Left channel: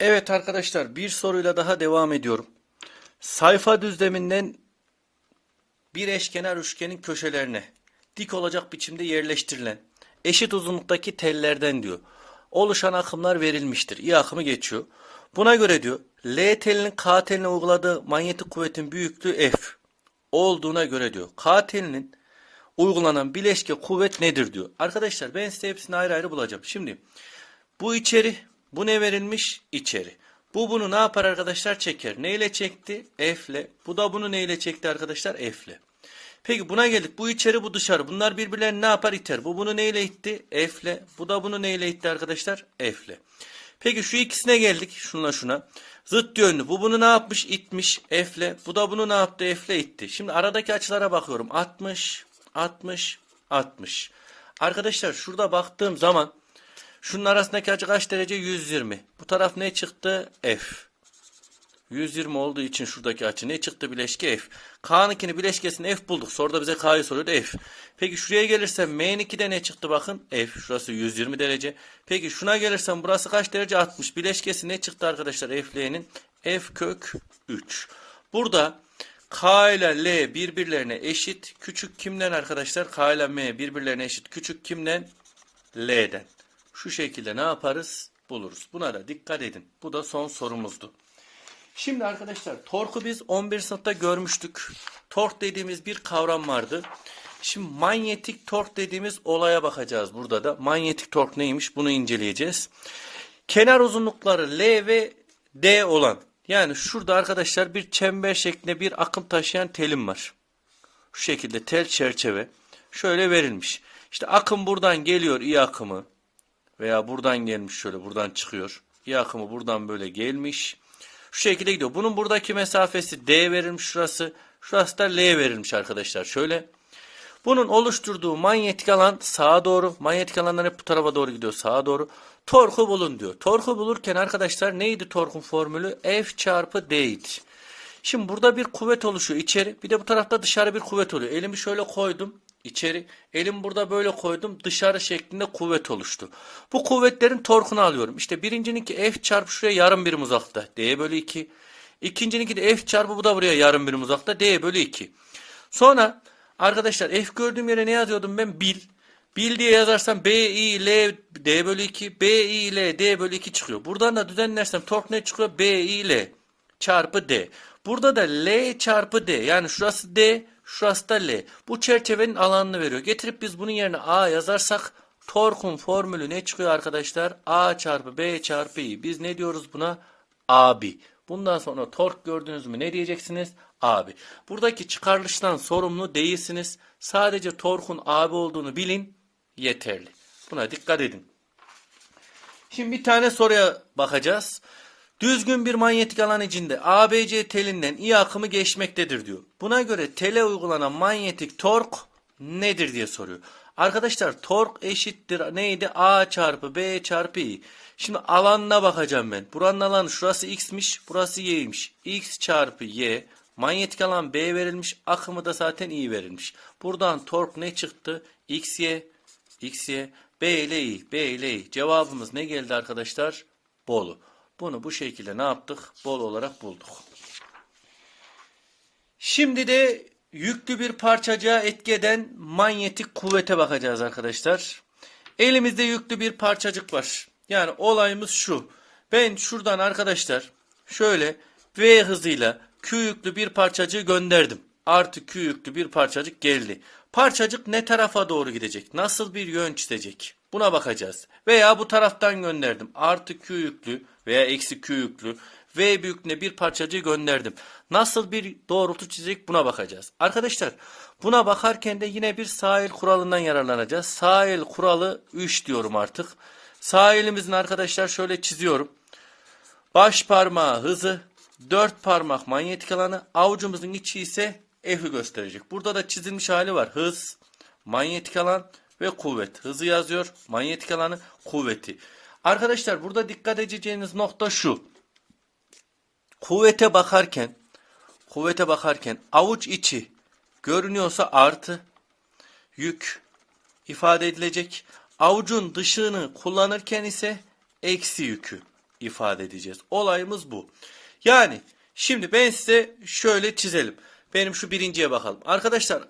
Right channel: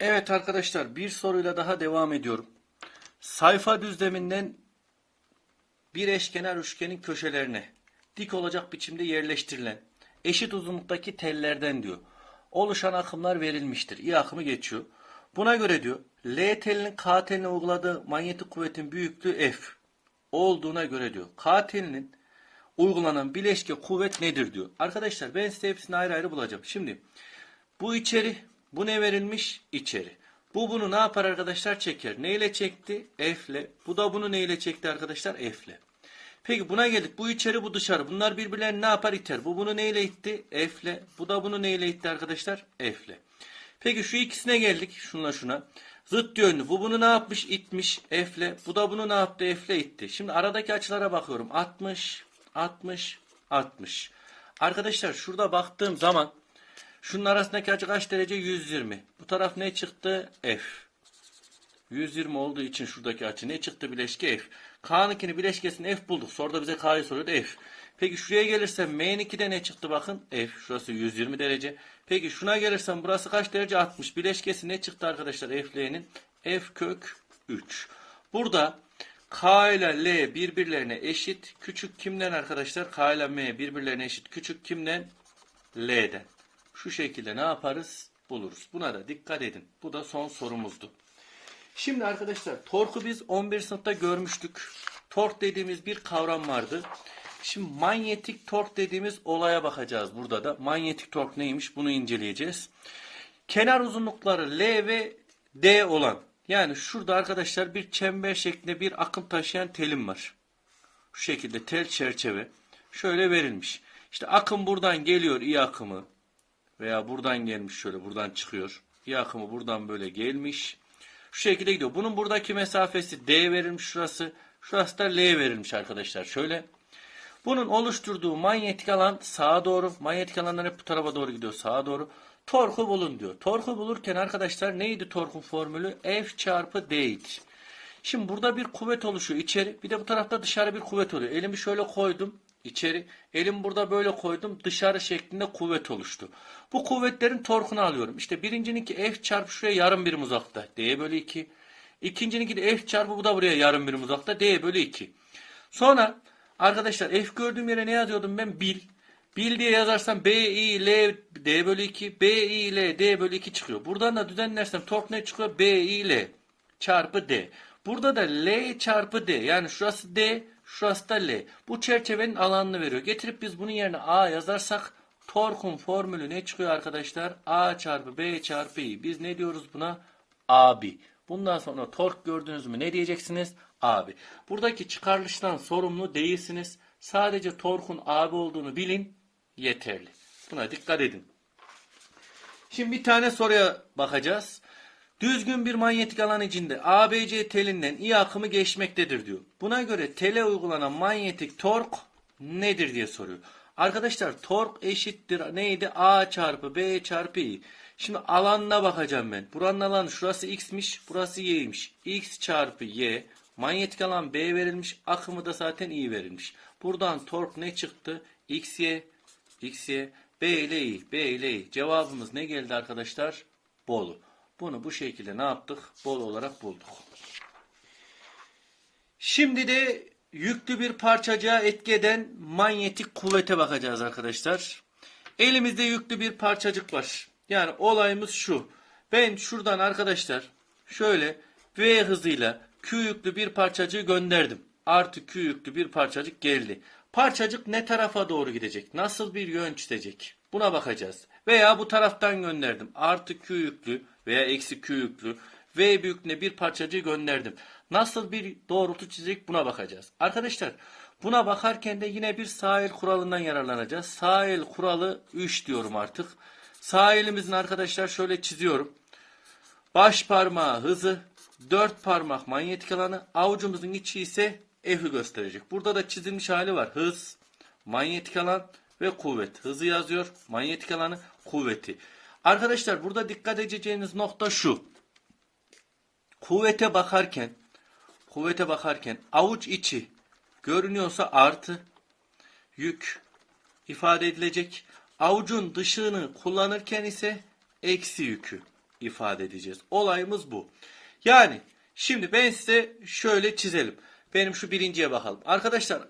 Evet arkadaşlar bir soruyla daha devam ediyorum. Sayfa düzleminden bir eşkenar üçgenin köşelerine dik olacak biçimde yerleştirilen eşit uzunluktaki tellerden diyor. Oluşan akımlar verilmiştir. İ akımı geçiyor. Buna göre diyor L telinin K teline uyguladığı manyetik kuvvetin büyüklüğü F olduğuna göre diyor. K telinin uygulanan bileşke kuvvet nedir diyor. Arkadaşlar ben size hepsini ayrı ayrı bulacağım. Şimdi bu içeri, bu ne verilmiş? İçeri. Bu bunu ne yapar arkadaşlar? Çeker. Neyle çekti? F'le. Bu da bunu neyle çekti arkadaşlar? F'le. Peki buna geldik. Bu içeri, bu dışarı. Bunlar birbirlerini ne yapar? İter. Bu bunu neyle itti? F'le. Bu da bunu neyle itti arkadaşlar? F'le. Peki şu ikisine geldik. Şuna şuna. Zıt yönlü. Bu bunu ne yapmış? İtmiş. F'le. Bu da bunu ne yaptı? F'le itti. Şimdi aradaki açılara bakıyorum. 60, 60, 60. Arkadaşlar şurada baktığım zaman Şunun arasındaki açı kaç derece? 120. Bu taraf ne çıktı? F. 120 olduğu için şuradaki açı ne çıktı? Bileşke F. K'nınkini bileşkesini F bulduk. Soruda bize K'yı soruyordu F. Peki şuraya gelirsem M'ninki ne çıktı bakın? F. Şurası 120 derece. Peki şuna gelirsem burası kaç derece? 60. Bileşkesi ne çıktı arkadaşlar F'le'nin? F kök 3. Burada K ile L birbirlerine eşit. Küçük kimden arkadaşlar? K ile M birbirlerine eşit. Küçük kimden? L'den. Şu şekilde ne yaparız? Buluruz. Buna da dikkat edin. Bu da son sorumuzdu. Şimdi arkadaşlar torku biz 11 sınıfta görmüştük. Tork dediğimiz bir kavram vardı. Şimdi manyetik tork dediğimiz olaya bakacağız burada da. Manyetik tork neymiş bunu inceleyeceğiz. Kenar uzunlukları L ve D olan yani şurada arkadaşlar bir çember şeklinde bir akım taşıyan telim var. Şu şekilde tel çerçeve şöyle verilmiş. İşte akım buradan geliyor iyi akımı veya buradan gelmiş şöyle buradan çıkıyor. İyi akımı buradan böyle gelmiş. Şu şekilde gidiyor. Bunun buradaki mesafesi D verilmiş şurası. Şurası da L verilmiş arkadaşlar. Şöyle. Bunun oluşturduğu manyetik alan sağa doğru. Manyetik alanlar hep bu tarafa doğru gidiyor. Sağa doğru. Torku bulun diyor. Torku bulurken arkadaşlar neydi torkun formülü? F çarpı D'ydi. Şimdi burada bir kuvvet oluşuyor içeri. Bir de bu tarafta dışarı bir kuvvet oluyor. Elimi şöyle koydum içeri. Elim burada böyle koydum. Dışarı şeklinde kuvvet oluştu. Bu kuvvetlerin torkunu alıyorum. İşte birincininki F çarpı şuraya yarım birim uzakta. D bölü 2. İkincininki de F çarpı bu da buraya yarım birim uzakta. D bölü 2. Sonra arkadaşlar F gördüğüm yere ne yazıyordum ben? Bil. Bil diye yazarsam B, I, L, D bölü 2. B, I, L, D bölü 2 çıkıyor. Buradan da düzenlersem tork ne çıkıyor? B, I, L çarpı D. Burada da L çarpı D. Yani şurası D, şurası L. Bu çerçevenin alanını veriyor. Getirip biz bunun yerine A yazarsak torkun formülü ne çıkıyor arkadaşlar? A çarpı B çarpı I. Biz ne diyoruz buna? Abi. Bundan sonra tork gördünüz mü ne diyeceksiniz? Abi. Buradaki çıkarılıştan sorumlu değilsiniz. Sadece torkun abi olduğunu bilin yeterli. Buna dikkat edin. Şimdi bir tane soruya bakacağız. Düzgün bir manyetik alan içinde ABC telinden I akımı geçmektedir diyor. Buna göre tele uygulanan manyetik tork nedir diye soruyor. Arkadaşlar tork eşittir neydi? A çarpı B çarpı I. Şimdi alanına bakacağım ben. Buranın alanı şurası X'miş, burası Y'ymiş. X çarpı Y. Manyetik alan B verilmiş, akımı da zaten I verilmiş. Buradan tork ne çıktı? XY, XY, B ile I, B ile I. Cevabımız ne geldi arkadaşlar? Bolu. Bunu bu şekilde ne yaptık? Bol olarak bulduk. Şimdi de yüklü bir parçacığa etki eden manyetik kuvvete bakacağız arkadaşlar. Elimizde yüklü bir parçacık var. Yani olayımız şu. Ben şuradan arkadaşlar şöyle V hızıyla Q yüklü bir parçacığı gönderdim. Artı Q yüklü bir parçacık geldi. Parçacık ne tarafa doğru gidecek? Nasıl bir yön çizecek? Buna bakacağız. Veya bu taraftan gönderdim. Artı Q yüklü veya eksi Q yüklü V büyüklüğüne bir parçacığı gönderdim. Nasıl bir doğrultu çizecek buna bakacağız. Arkadaşlar buna bakarken de yine bir sahil kuralından yararlanacağız. Sahil kuralı 3 diyorum artık. Sahilimizin arkadaşlar şöyle çiziyorum. Baş parmağı hızı, dört parmak manyetik alanı, avucumuzun içi ise F'i gösterecek. Burada da çizilmiş hali var. Hız, manyetik alan ve kuvvet. Hızı yazıyor, manyetik alanı, kuvveti. Arkadaşlar burada dikkat edeceğiniz nokta şu. Kuvvete bakarken, kuvvete bakarken avuç içi görünüyorsa artı yük ifade edilecek. Avucun dışını kullanırken ise eksi yükü ifade edeceğiz. Olayımız bu. Yani şimdi ben size şöyle çizelim. Benim şu birinciye bakalım. Arkadaşlar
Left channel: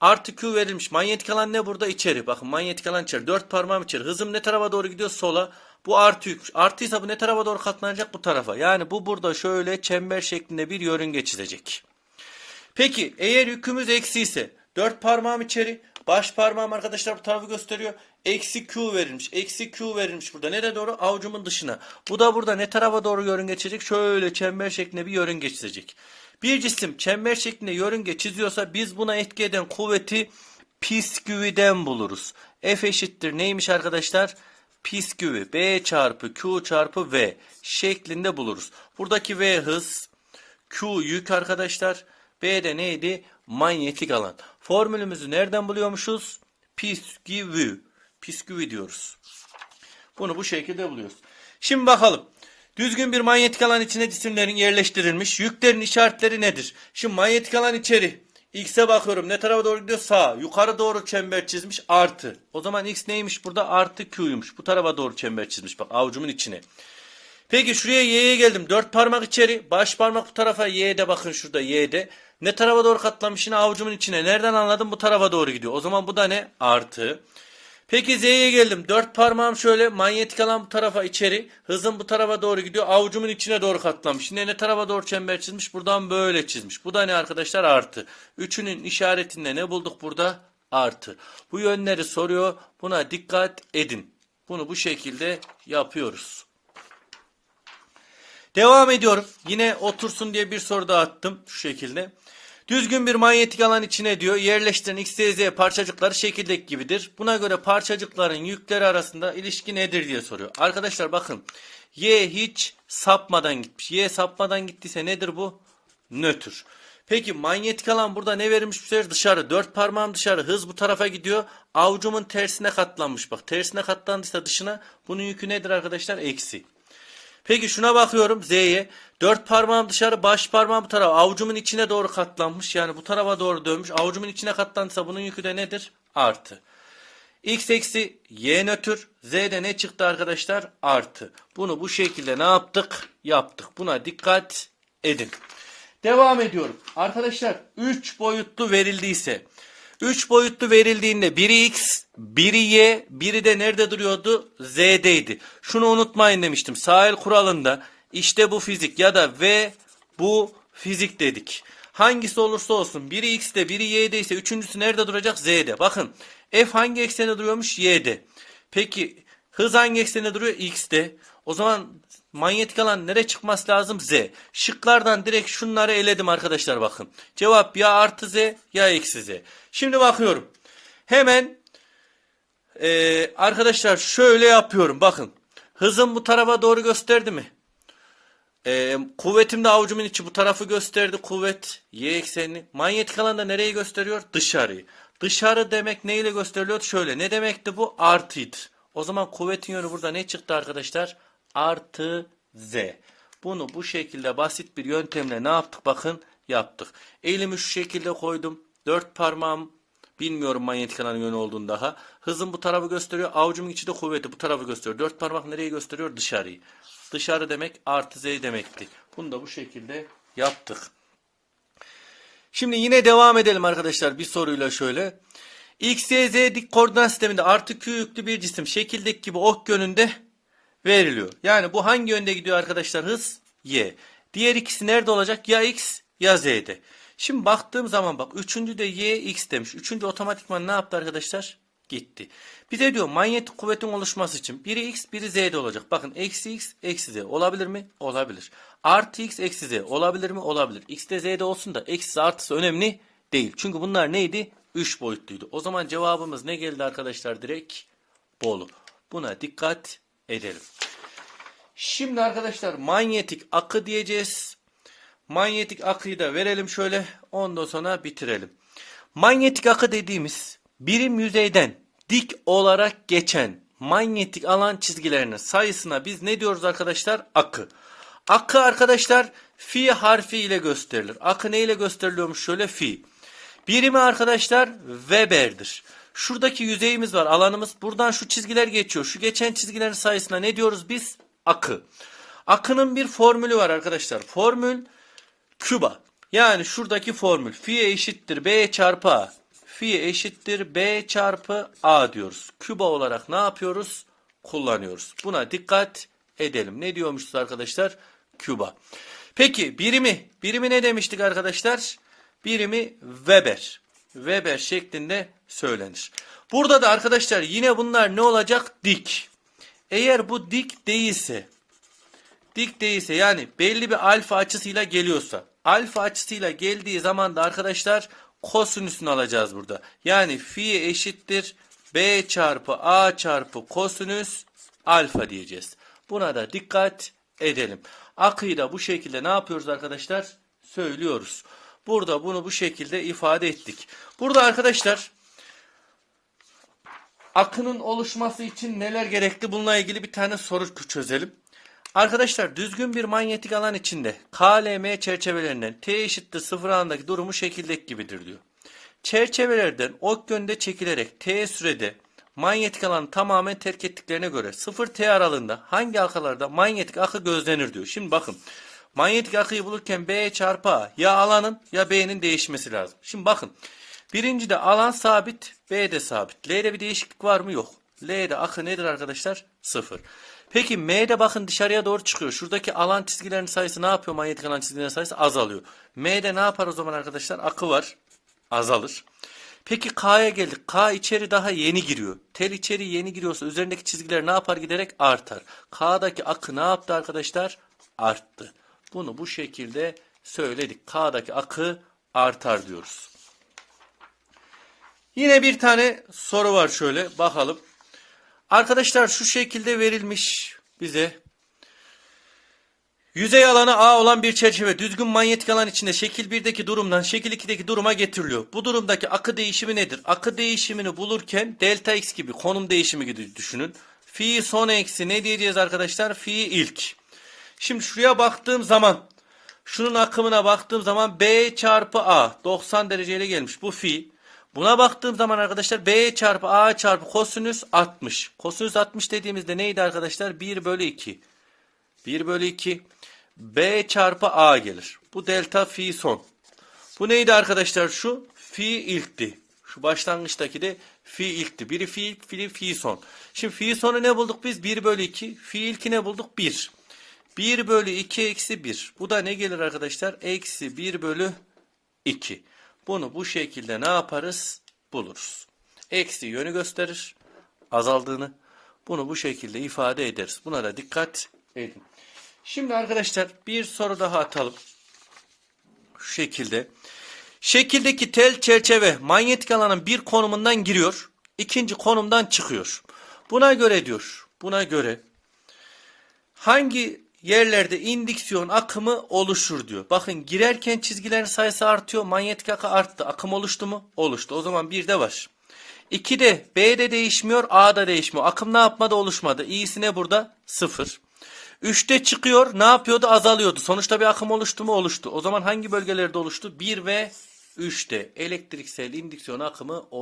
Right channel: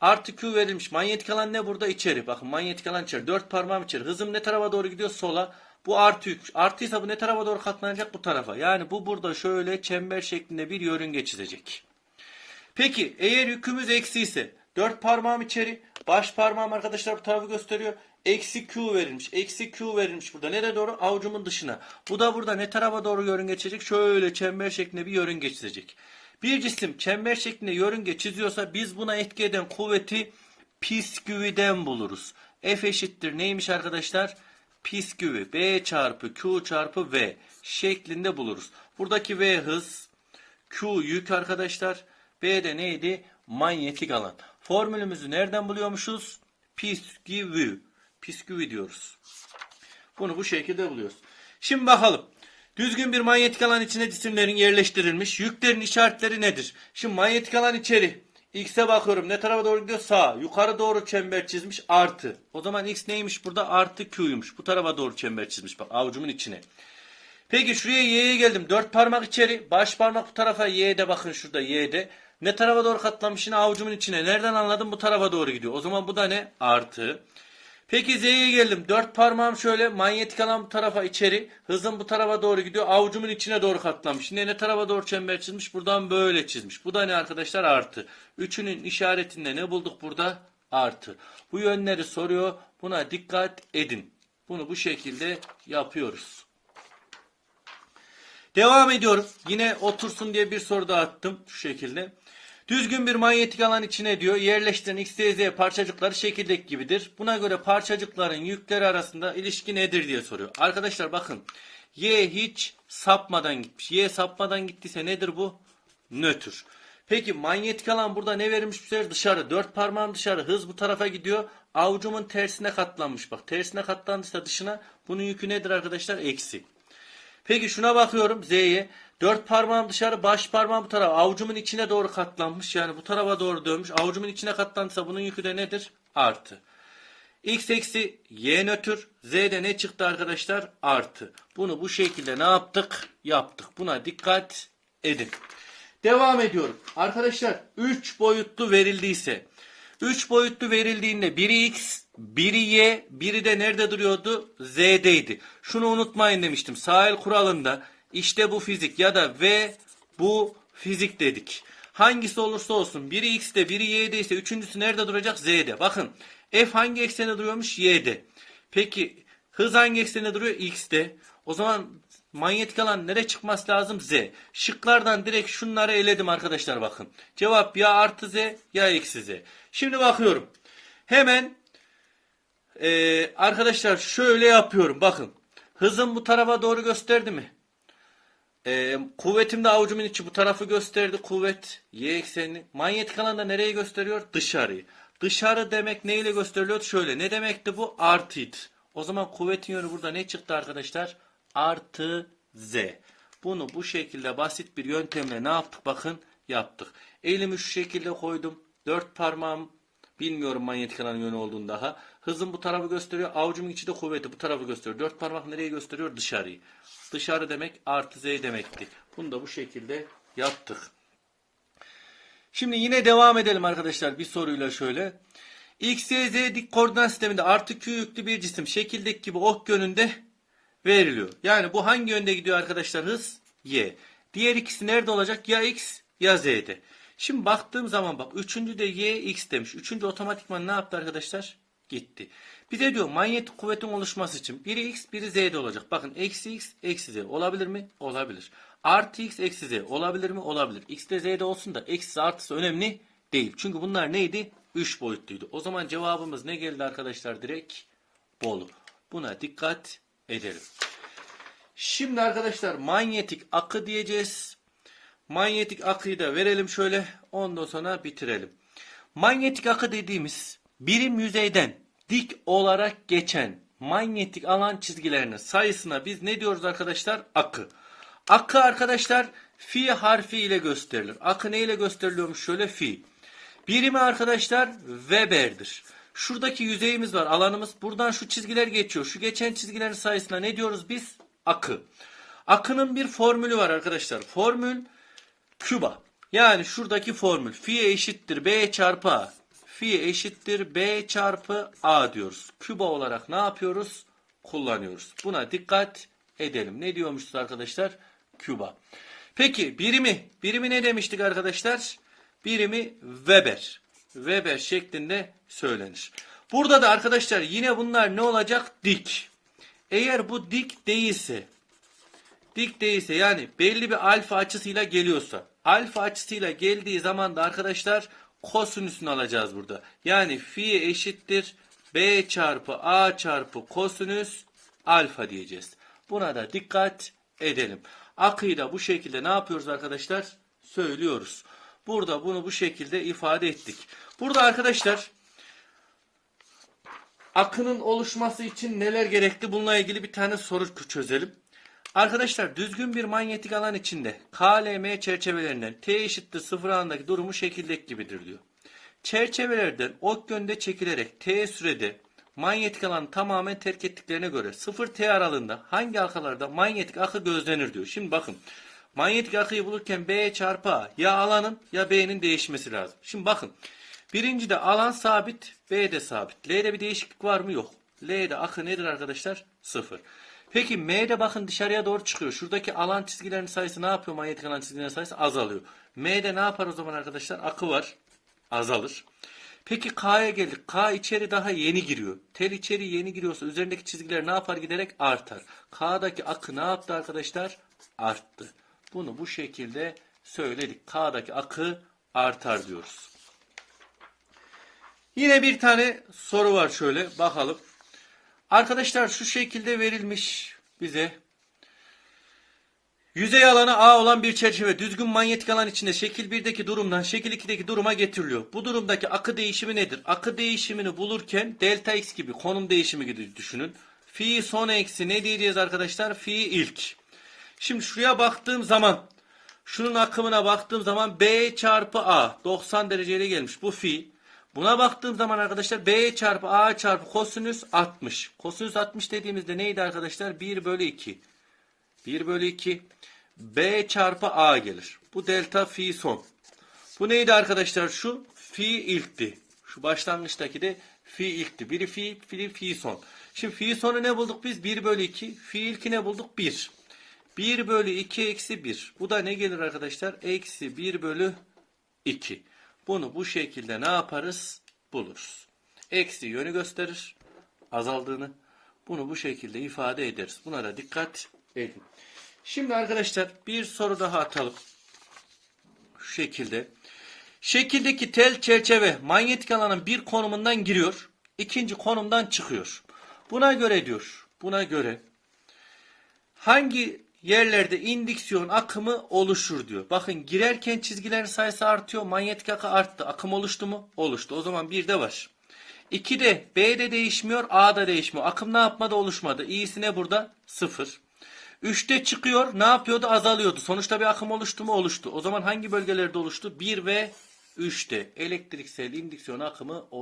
artı Q verilmiş. Manyetik alan ne burada? İçeri. Bakın manyetik alan içeri. Dört parmağım içeri. Hızım ne tarafa doğru gidiyor? Sola. Bu artı yük. Artıysa bu ne tarafa doğru katlanacak? Bu tarafa. Yani bu burada şöyle çember şeklinde bir yörünge çizecek. Peki eğer yükümüz eksi ise dört parmağım içeri, baş parmağım arkadaşlar bu tarafı gösteriyor. Eksi Q verilmiş. Eksi Q verilmiş burada. Nereye doğru? Avucumun dışına. Bu da burada ne tarafa doğru yörünge çizecek? Şöyle çember şeklinde bir yörünge çizecek. Bir cisim çember şeklinde yörünge çiziyorsa biz buna etki eden kuvveti pisküviden buluruz. F eşittir neymiş arkadaşlar? Pisküvi B çarpı Q çarpı V şeklinde buluruz. Buradaki V hız, Q yük arkadaşlar. B de neydi? Manyetik alan. Formülümüzü nereden buluyormuşuz? Pisküvi. Pisküvi diyoruz. Bunu bu şekilde buluyoruz. Şimdi bakalım. Düzgün bir manyetik alan içine cisimlerin yerleştirilmiş. Yüklerin işaretleri nedir? Şimdi manyetik alan içeri. X'e bakıyorum. Ne tarafa doğru gidiyor? Sağ. Yukarı doğru çember çizmiş. Artı. O zaman X neymiş burada? Artı Q'ymuş. Bu tarafa doğru çember çizmiş. Bak avucumun içine. Peki şuraya Y'ye geldim. Dört parmak içeri. Baş parmak bu tarafa. Y'de bakın şurada Y'de. Ne tarafa doğru katlamış? Yine avucumun içine. Nereden anladım? Bu tarafa doğru gidiyor. O zaman bu da ne? Artı. Peki Z'ye geldim. Dört parmağım şöyle manyetik alan bu tarafa içeri. Hızım bu tarafa doğru gidiyor. Avucumun içine doğru katlamış. Yine ne tarafa doğru çember çizmiş? Buradan böyle çizmiş. Bu da ne arkadaşlar? Artı. Üçünün işaretinde ne bulduk burada? Artı. Bu yönleri soruyor. Buna dikkat edin. Bunu bu şekilde yapıyoruz. Devam ediyorum. Yine otursun diye bir soru daha attım. Şu şekilde. Düzgün bir manyetik alan içine diyor yerleştiren X, Y, Z parçacıkları şekildeki gibidir. Buna göre parçacıkların yükleri arasında ilişki nedir diye soruyor. Arkadaşlar bakın Y hiç sapmadan gitmiş. Y sapmadan gittiyse nedir bu? Nötr. Peki manyetik alan burada ne verilmiş bu sefer? Dışarı. Dört parmağım dışarı. Hız bu tarafa gidiyor. Avucumun tersine katlanmış. Bak tersine katlandıysa dışına bunun yükü nedir arkadaşlar? Eksi. Peki şuna bakıyorum Z'ye. Dört parmağım dışarı, baş parmağım bu tarafa. Avucumun içine doğru katlanmış. Yani bu tarafa doğru dönmüş. Avucumun içine katlandıysa bunun yükü de nedir? Artı. X eksi Y nötr. Z'de ne çıktı arkadaşlar? Artı. Bunu bu şekilde ne yaptık? Yaptık. Buna dikkat edin. Devam ediyorum. Arkadaşlar 3 boyutlu verildiyse 3 boyutlu verildiğinde biri x, biri y, biri de nerede duruyordu? Z'deydi. Şunu unutmayın demiştim. Sahil kuralında işte bu fizik ya da v bu fizik dedik. Hangisi olursa olsun biri x'de biri y'de ise üçüncüsü nerede duracak? Z'de. Bakın f hangi eksene duruyormuş? Y'de. Peki hız hangi eksene duruyor? X'de. O zaman manyetik alan nereye çıkması lazım? Z. Şıklardan direkt şunları eledim arkadaşlar bakın. Cevap ya artı Z ya eksi Z. Şimdi bakıyorum. Hemen eee, arkadaşlar şöyle yapıyorum. Bakın. Hızım bu tarafa doğru gösterdi mi? Eee kuvvetim de avucumun içi bu tarafı gösterdi. Kuvvet y eksenini. Manyetik alan da nereyi gösteriyor? Dışarıyı. Dışarı demek neyle gösteriliyor? Şöyle. Ne demekti bu? Artıydı. O zaman kuvvetin yönü burada ne çıktı arkadaşlar? Artı z. Bunu bu şekilde basit bir yöntemle ne yaptık? Bakın yaptık. Elimi şu şekilde koydum. Dört parmağım bilmiyorum manyetik alanın yönü olduğunu daha. Hızım bu tarafı gösteriyor. Avucumun içi de kuvveti bu tarafı gösteriyor. Dört parmak nereyi gösteriyor? Dışarıyı. Dışarı demek artı z demekti. Bunu da bu şekilde yaptık. Şimdi yine devam edelim arkadaşlar bir soruyla şöyle. X, Y, Z dik koordinat sisteminde artı Q yüklü bir cisim şekildeki gibi ok yönünde veriliyor. Yani bu hangi yönde gidiyor arkadaşlar? Hız Y. Diğer ikisi nerede olacak? Ya X ya Z'de. Şimdi baktığım zaman bak üçüncü de Y X demiş. Üçüncü otomatikman ne yaptı arkadaşlar? Gitti. Bize diyor manyetik kuvvetin oluşması için biri X biri Z'de olacak. Bakın eksi X eksi Z olabilir mi? Olabilir. Artı X eksi Z olabilir mi? Olabilir. X de Z'de olsun da eksi artısı önemli değil. Çünkü bunlar neydi? 3 boyutluydu. O zaman cevabımız ne geldi arkadaşlar? Direkt Bolu. Buna dikkat edelim. Şimdi arkadaşlar manyetik akı diyeceğiz. Manyetik akıyı da verelim şöyle. Ondan sonra bitirelim. Manyetik akı dediğimiz birim yüzeyden dik olarak geçen manyetik alan çizgilerinin sayısına biz ne diyoruz arkadaşlar? Akı. Akı arkadaşlar fi harfi ile gösterilir. Akı ne ile gösteriliyormuş? Şöyle fi. Birimi arkadaşlar Weber'dir. Şuradaki yüzeyimiz var alanımız. Buradan şu çizgiler geçiyor. Şu geçen çizgilerin sayısına ne diyoruz biz? Akı. Akının bir formülü var arkadaşlar. Formül küba. Yani şuradaki formül. Fi eşittir B çarpı A. Fi eşittir B çarpı A diyoruz. Küba olarak ne yapıyoruz? Kullanıyoruz. Buna dikkat edelim. Ne diyormuşuz arkadaşlar? Küba. Peki birimi. Birimi ne demiştik arkadaşlar? Birimi Weber. Weber şeklinde söylenir. Burada da arkadaşlar yine bunlar ne olacak? Dik. Eğer bu dik değilse dik değilse yani belli bir alfa açısıyla geliyorsa alfa açısıyla geldiği zaman da arkadaşlar kosinüsünü alacağız burada. Yani fi eşittir b çarpı a çarpı kosinüs alfa diyeceğiz. Buna da dikkat edelim. Akıyı da bu şekilde ne yapıyoruz arkadaşlar? Söylüyoruz. Burada bunu bu şekilde ifade ettik. Burada arkadaşlar akının oluşması için neler gerekli? Bununla ilgili bir tane soru çözelim. Arkadaşlar düzgün bir manyetik alan içinde KLM çerçevelerinden T eşittir sıfır alandaki durumu şekildeki gibidir diyor. Çerçevelerden ok yönde çekilerek T sürede manyetik alanı tamamen terk ettiklerine göre 0 T aralığında hangi halkalarda manyetik akı gözlenir diyor. Şimdi bakın manyetik akıyı bulurken B çarpı A ya alanın ya B'nin değişmesi lazım. Şimdi bakın birincide alan sabit B de sabit. L'de bir değişiklik var mı? Yok. L'de akı nedir arkadaşlar? 0. Peki M'de bakın dışarıya doğru çıkıyor. Şuradaki alan çizgilerinin sayısı ne yapıyor? Manyetik alan çizgilerinin sayısı azalıyor. M'de ne yapar o zaman arkadaşlar? Akı var. Azalır. Peki K'ya geldik. K içeri daha yeni giriyor. Tel içeri yeni giriyorsa üzerindeki çizgiler ne yapar giderek artar. K'daki akı ne yaptı arkadaşlar? Arttı. Bunu bu şekilde söyledik. K'daki akı artar diyoruz. Yine bir tane soru var şöyle bakalım. Arkadaşlar şu şekilde verilmiş bize. Yüzey alanı A olan bir çerçeve düzgün manyetik alan içinde şekil 1'deki durumdan şekil 2'deki duruma getiriliyor. Bu durumdaki akı değişimi nedir? Akı değişimini bulurken delta x gibi konum değişimi gibi düşünün. Fi son eksi ne diyeceğiz arkadaşlar? Fi ilk. Şimdi şuraya baktığım zaman şunun akımına baktığım zaman B çarpı A 90 dereceyle gelmiş. Bu fi. Buna baktığım zaman arkadaşlar B çarpı A çarpı kosinüs 60. Kosinüs 60 dediğimizde neydi arkadaşlar? 1 bölü 2. 1 bölü 2. B çarpı A gelir. Bu delta fi son. Bu neydi arkadaşlar şu? Fi ilkti. Şu başlangıçtaki de fi ilkti. Biri fi ilk, biri fi son. Şimdi fi sonu ne bulduk biz? 1 bölü 2. Fi ilki ne bulduk? 1. 1 bölü 2 eksi 1. Bu da ne gelir arkadaşlar? Eksi 1 bölü 2. Bunu bu şekilde ne yaparız? Buluruz. Eksi yönü gösterir. Azaldığını. Bunu bu şekilde ifade ederiz. Buna da dikkat edin. Şimdi arkadaşlar bir soru daha atalım. Şu şekilde. Şekildeki tel çerçeve manyetik alanın bir konumundan giriyor. ikinci konumdan çıkıyor. Buna göre diyor. Buna göre hangi yerlerde indüksiyon akımı oluşur diyor. Bakın girerken çizgilerin sayısı artıyor. Manyetik akı arttı. Akım oluştu mu? Oluştu. O zaman bir de var. 2'de B'de değişmiyor, A'da değişmiyor. Akım ne yapmadı? Oluşmadı. İyisi ne burada? 0. 3'te çıkıyor. Ne yapıyordu? Azalıyordu. Sonuçta bir akım oluştu mu? Oluştu. O zaman hangi bölgelerde oluştu? 1 ve 3'te elektriksel indüksiyon akımı oluştu.